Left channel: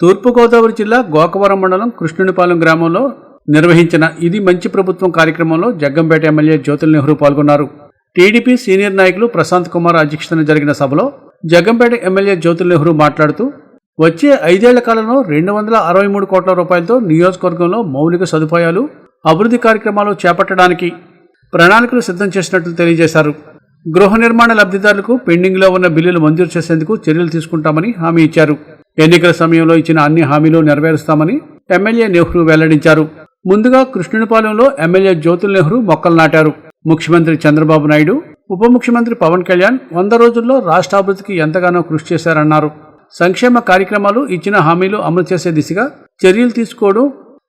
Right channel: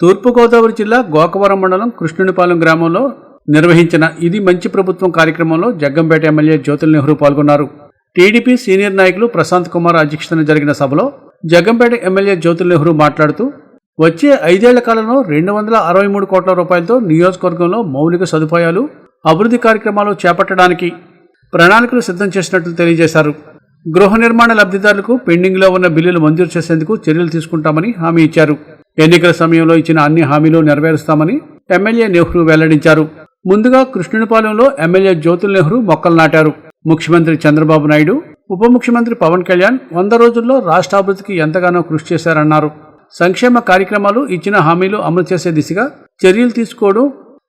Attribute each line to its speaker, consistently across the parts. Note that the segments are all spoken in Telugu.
Speaker 1: తూర్పుగోదావరి జిల్లా గోకవరం మండలం కృష్ణునిపాలెం గ్రామంలో నిర్వహించిన ఇది మంచి ప్రభుత్వం కార్యక్రమంలో జగ్గంపేట ఎమ్మెల్యే జ్యోతుల్ నెహ్రూ పాల్గొన్నారు. టీడీపీ సీనియర్ నాయకులు ప్రశాంత్ కుమార్ అధ్యక్షతన జరిగిన సభలో జగ్గంపేట ఎమ్మెల్యే జ్యోతుల్ నెహ్రూ మాట్లాడుతూ వచ్చే ఐదేళ్ళ కాలంలో రెండు వందల అరవై మూడు కోట్ల రూపాయలతో నియోజకవర్గంలో మౌలిక సదుపాయాలు అభివృద్ధి కార్యక్రమాలు చేపట్టడానికి ప్రణాళికలు సిద్ధం చేసినట్లు తెలియజేశారు. గృహ నిర్మాణ లబ్ధిదారులకు పెండింగ్లో ఉన్న బిల్లులు మంజూరు చేసేందుకు చర్యలు తీసుకుంటామని హామీ ఇచ్చారు. ఎన్నికల సమయంలో ఇచ్చిన అన్ని హామీలు నెరవేరుస్తామని ఎమ్మెల్యే నెహ్రూ వెల్లడించారు. ముందుగా కృష్ణునిపాలెంలో ఎమ్మెల్యే జ్యోతుల్ నెహ్రూ మొక్కలు నాటారు. ముఖ్యమంత్రి చంద్రబాబు నాయుడు ఉప ముఖ్యమంత్రి పవన్ కళ్యాణ్ వంద రోజుల్లో రాష్ట్రాభివృద్ధికి ఎంతగానో కృషి చేశారన్నారు. సంక్షేమ కార్యక్రమాలు ఇచ్చిన హామీలు అమలు చేసే దిశగా చర్యలు తీసుకోవడం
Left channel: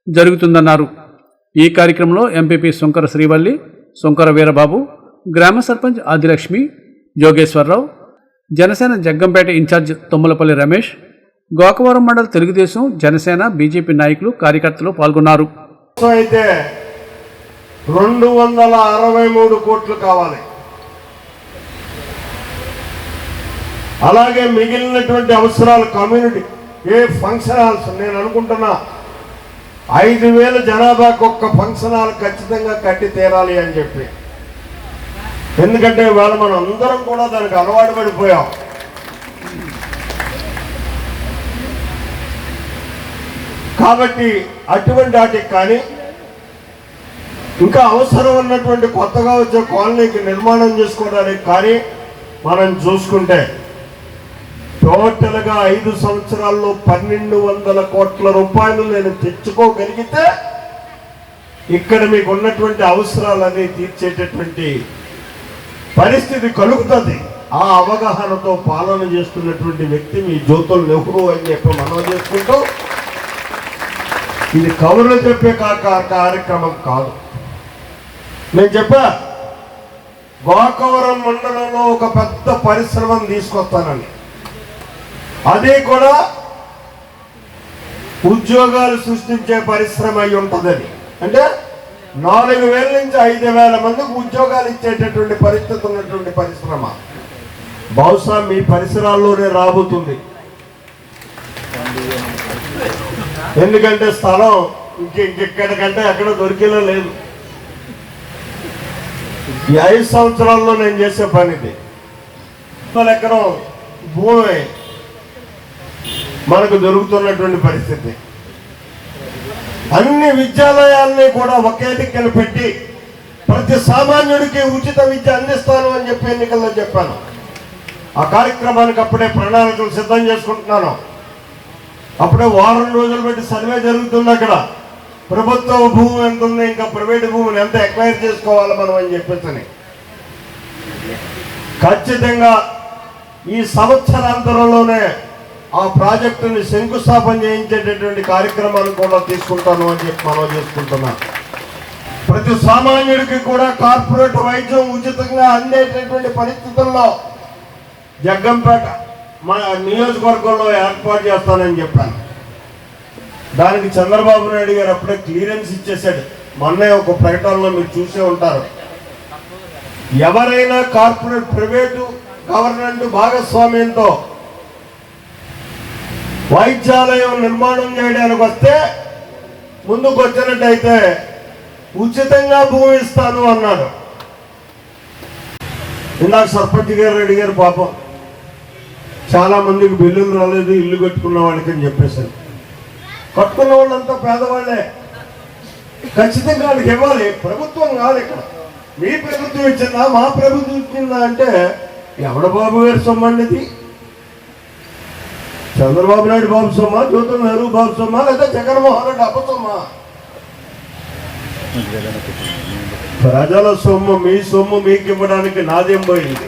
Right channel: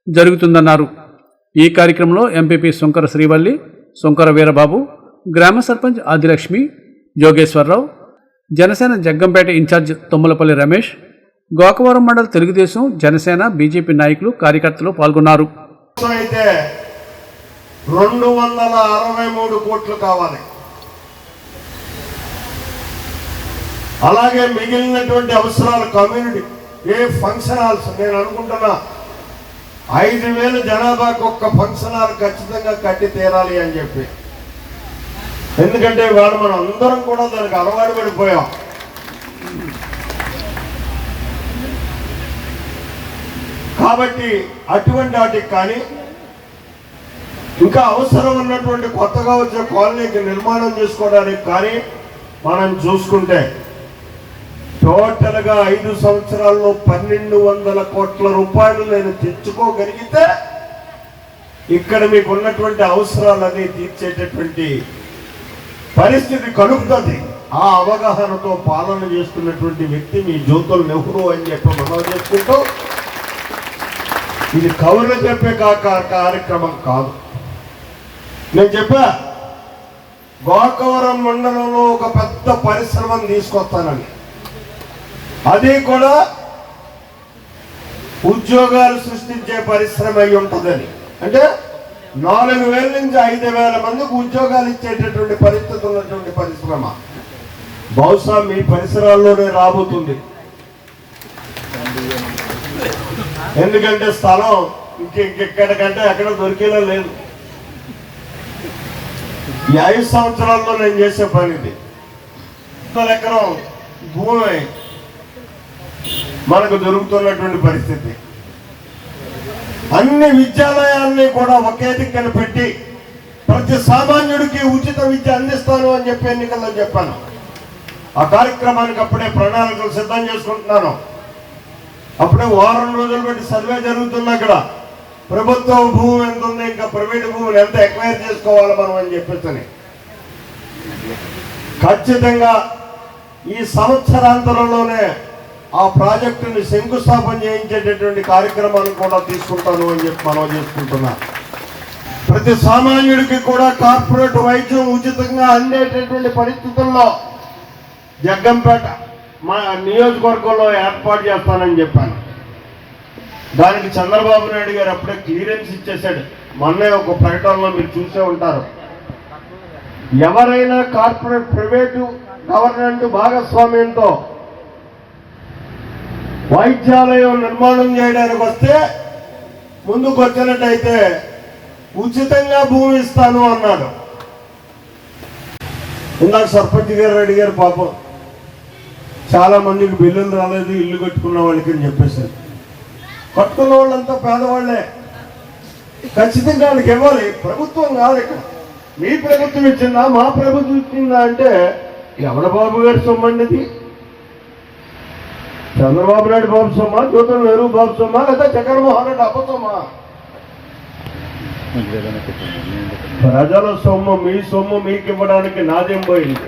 Speaker 1: జరుగుతుందన్నారు. ఈ కార్యక్రమంలో ఎంపీపీ శుంకర శ్రీవల్లి శుంకర వీరబాబు గ్రామ సర్పంచ్ ఆదిలక్ష్మి జోగేశ్వరరావు జనసేన జగ్గంపేట ఇన్ఛార్జ్ తుమ్మలపల్లి రమేష్ గోకవరం మండల తెలుగుదేశం జనసేన బీజేపీ నాయకులు కార్యకర్తలు పాల్గొన్నారు.
Speaker 2: అయితే రెండు వందల అరవై మూడు కోట్లు కావాలి. అలాగే మిగిలినటువంటి అవసరాలు కమ్యూనిటీ ఏ ఫంక్షన్ హాల్స్ నేను అనుకుంటున్నా ఐదు వేల జనాభాకు ఒక్క ఫంక్షన్ హాల్ ఖచ్చితంగా కట్టి తీరాలి అని చెప్పి. ఎందుకంటే వాళ్ళు మనం అందరం కూడా దానికి అలవాటు పడిపోయాం. కాబట్టి అటువంటి వాటికి కానీ ఇంకా అవసరం ఉన్నటువంటి కొత్తగా వచ్చే కాలనీకి నిర్మాణం చేసుకోవడానికి కానీ మనం చూసుకుంటే టోటల్గా ఐదు సంవత్సరాల్లో పన్నెండు వందల కోట్ల రూపాయలు నేను తెచ్చుకోగలిగితే ఇక్కడ మీకు ఉన్నటువంటి అవసరాలని తీర్చేటటువంటి పరిస్థితి కలుగుతుంది. ఆ అవగాహనతో పాలన చేస్తున్నటువంటి వ్యక్తి మీ జ్యోతుల్ నెహ్రూ అని చెప్పి మనం చేసుకుంటూ ఇది కవర్లు చెప్పే కార్యక్రమం కాదు. నేను చెప్పా గోకవరం మండలంలో ఒక పెద్ద పరిశ్రమను తీసుకొస్తానండి అది కూడా ఉద్యోగాలు సృష్టించే పరిశ్రమ అయి ఉంటుందని. అంటే నాలుగు వేల నుంచి ఐదు వేల మందికి ఉద్యోగాలు ఇచ్చేటటువంటి పరిస్థితి ఉన్నటువంటి పరిశ్రమ. బహుశా మీ పరిసరాల్లోనే రాబోతుంది. ఎందుకంటే స్థలం ఇంకెక్కడికంటే అక్కడ దొరికేలా లేదు. ఈ ఐదు సంవత్సరాల్లో నేను చేసే పని ఇది. ఎకరం భూమి మనకు దొరుకుతున్నటువంటి పరిస్థితి. అన్ని విద్యాలయాల్ని కూడా ఒకే దిక్కన పెట్టి ప్రతి సామాన్యుడికి ఉచిత విద్య అందిస్తాను అని చెప్పి ఎన్నికల్లో చెప్పాను. ఆ కార్యక్రమానికి అప్పుడే ప్రణాళికలు సిద్ధం చేసుకుంటున్నాను. అప్పుడే వారం రోజులు పెట్టి సర్వే జరుగుతుంది అక్కడ. ప్రభుత్వ భూమి ఎంత ఉంది ఇంకా ప్రైవేట్ భూమిని ఎంత ఎక్వైర్ చేసుకోవాలి మనం అని చెప్పేసి ఖచ్చితంగా ఈ సంవత్సరాంతరంలోనే ఆ ప్రాజెక్టుని శంకుస్థాపన చేయించేటటువంటి కార్యక్రమాలు కూడా తీసుకుంటాను అని చెప్పి మనం చేసుకుంటున్నాం. ప్రతి సామాన్యుడికి కూడా కార్పొరేట్ వైద్యం ఉచితంగా అందేటటువంటి పరిస్థితుల్లో జగ్గంపేట మా నియోజకవర్గంలో ఏర్పాటు చేస్తానని చెప్పాను. దానికి చంద్రబాబు నాయుడు గారు అప్పుడే క్లియరెన్స్ ఇచ్చేశాడు. మొన్నే ఒక ప్రకటనలో మీరు చూసే ఉంటారు. ఎవరైనా కార్పొరేట్ ప్రైవేటు గవర్నమెంట్ భాగస్వామ్యంతో వైద్యాలయం నిర్మాణం చేయడానికి వస్తే ముందుకు వచ్చినట్టయితే ఉచితంగా భూమి ఇస్తాను అన్నాడు. ఇందాక సర్పంచ్ గారు అడిగారు పాపం. చాలా మందికి బిల్లులు రాలేదు ఇల్లు కట్టుకున్న వాళ్ళకి అని చెప్పేశారు. కట్టుకున్న వాళ్ళంతా పేదవాళ్ళే. ఖచ్చితంగా వాళ్ళకి ఇవ్వాలి. ప్రభుత్వం కాదు ఇక్కడ. మీ ప్రభుత్వం ఇచ్చిందా మా ప్రభుత్వం ఇచ్చిందా అంటే ఎవడ బాబు గారి సొమ్ము అండి ఇది? చంద్రబాబు నాయుడు బాబు సొమ్మ జ్యోతం నెహ్రూ బాబు సొమ్మ లేదా జగన్మోహన్ రెడ్డి అప్ప సొమ్మ? ప్రజల సొమ్ము మీ సొమ్ము మీకు ఇవ్వడానికి నాదేం పోయింది?